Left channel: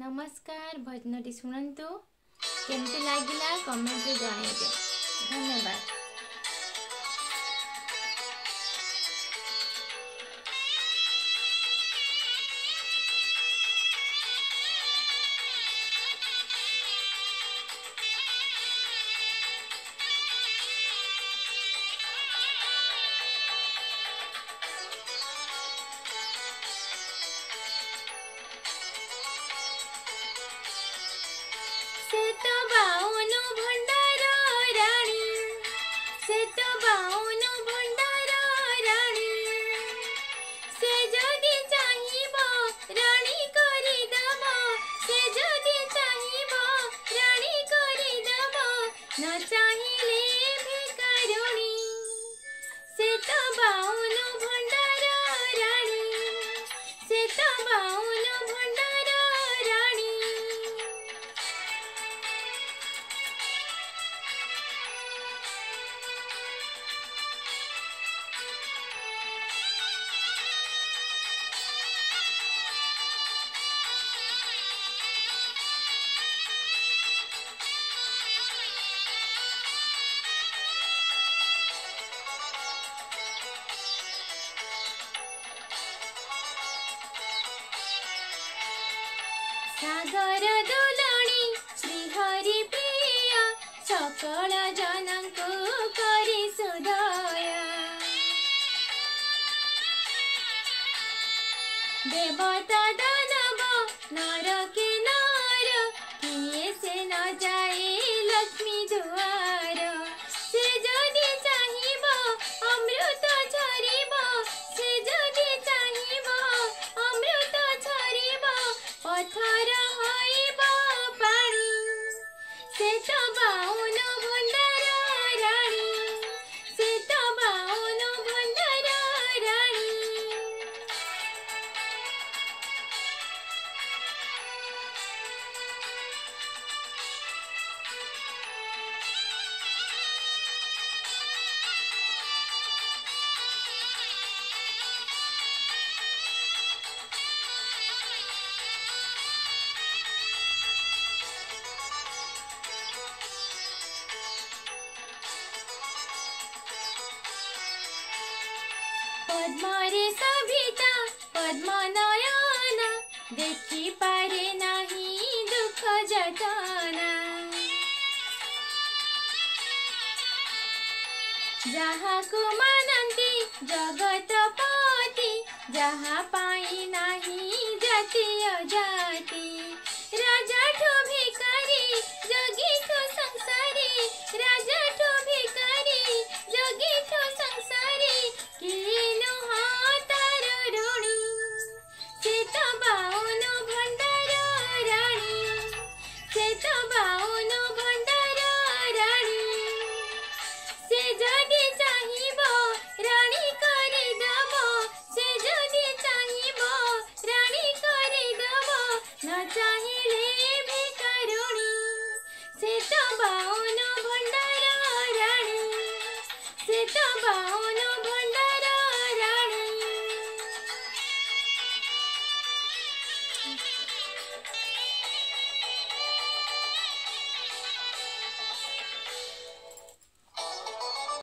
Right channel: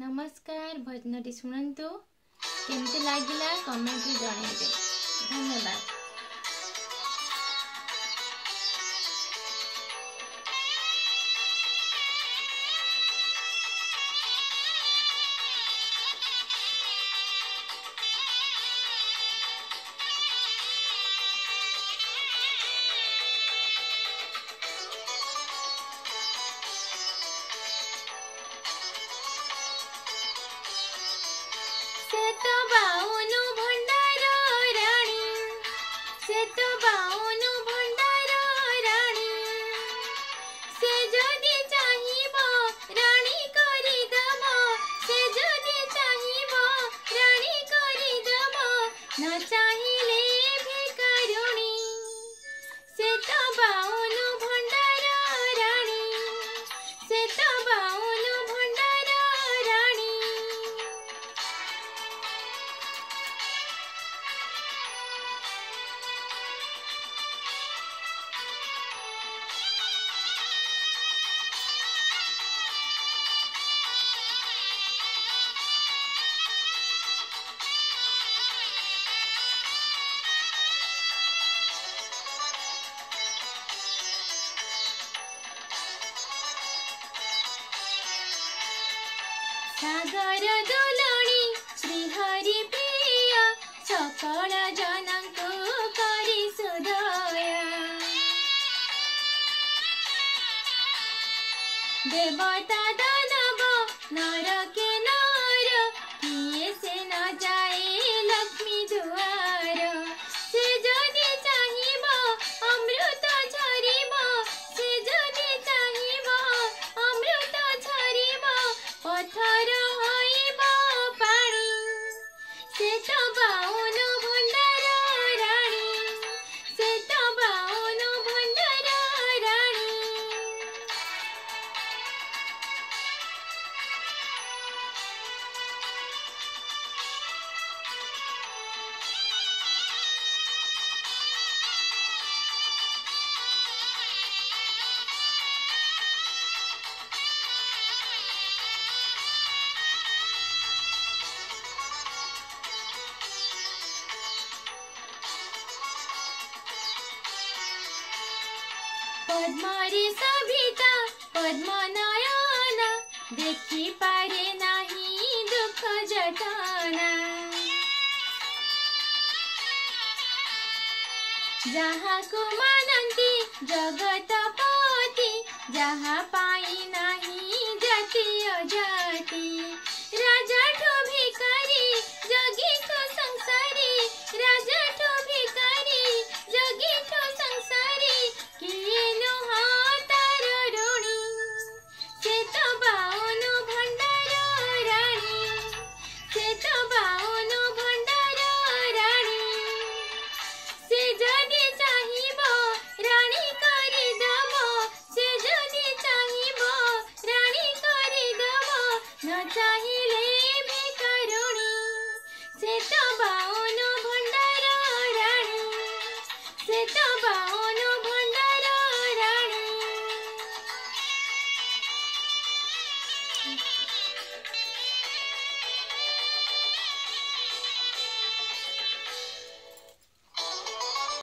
नमस्कार भजनटी शुणु केमती लगिला कमेंट रे जणाइबे। धन्यवाद। से तो बाउनु भंडार राणी, से तो बाउनु भंडार राणी, से जदि चाहिबो राणी करि दबो, से जदि चाहिबो राणी करि दबो, न चाहिले भिकारुणी। से तो बाउनु भंडार राणी, से तो बाउनु भंडार राणी। सागर दोलणी श्रीहरि प्रिय सकल जनଙ୍କୁ करि सुदया। देवता दानव नर के नर किए से न जाए लक्ष्मी दुआर। से जदि चाहिबो अमृत झरिबो, से जदि चाहिबो अमृत झरिबो, पथर होइबो पानी। से तो बाउनु भंडार राणी, से तो बाउनु भंडार राणी। पद्मरे सभिता पद्म नयना, देखि पारे नाही दुख जतना। जहाकु मानन्ति जगतपति, जहाँ पाई नाही जाति अजाति। राजा ठो भिकारी जोगी ठो संसारी, राजा ठो भिकारी जोगी ठो संसारी, किए नुहा तार ऋणी। से तो बाउनु भंडार राणी, से तो बाउनु भंडार राणी। से जदि चाहिबो राणी करि दबो, से जदि चाहिबो राणी करि दबो, न चाहि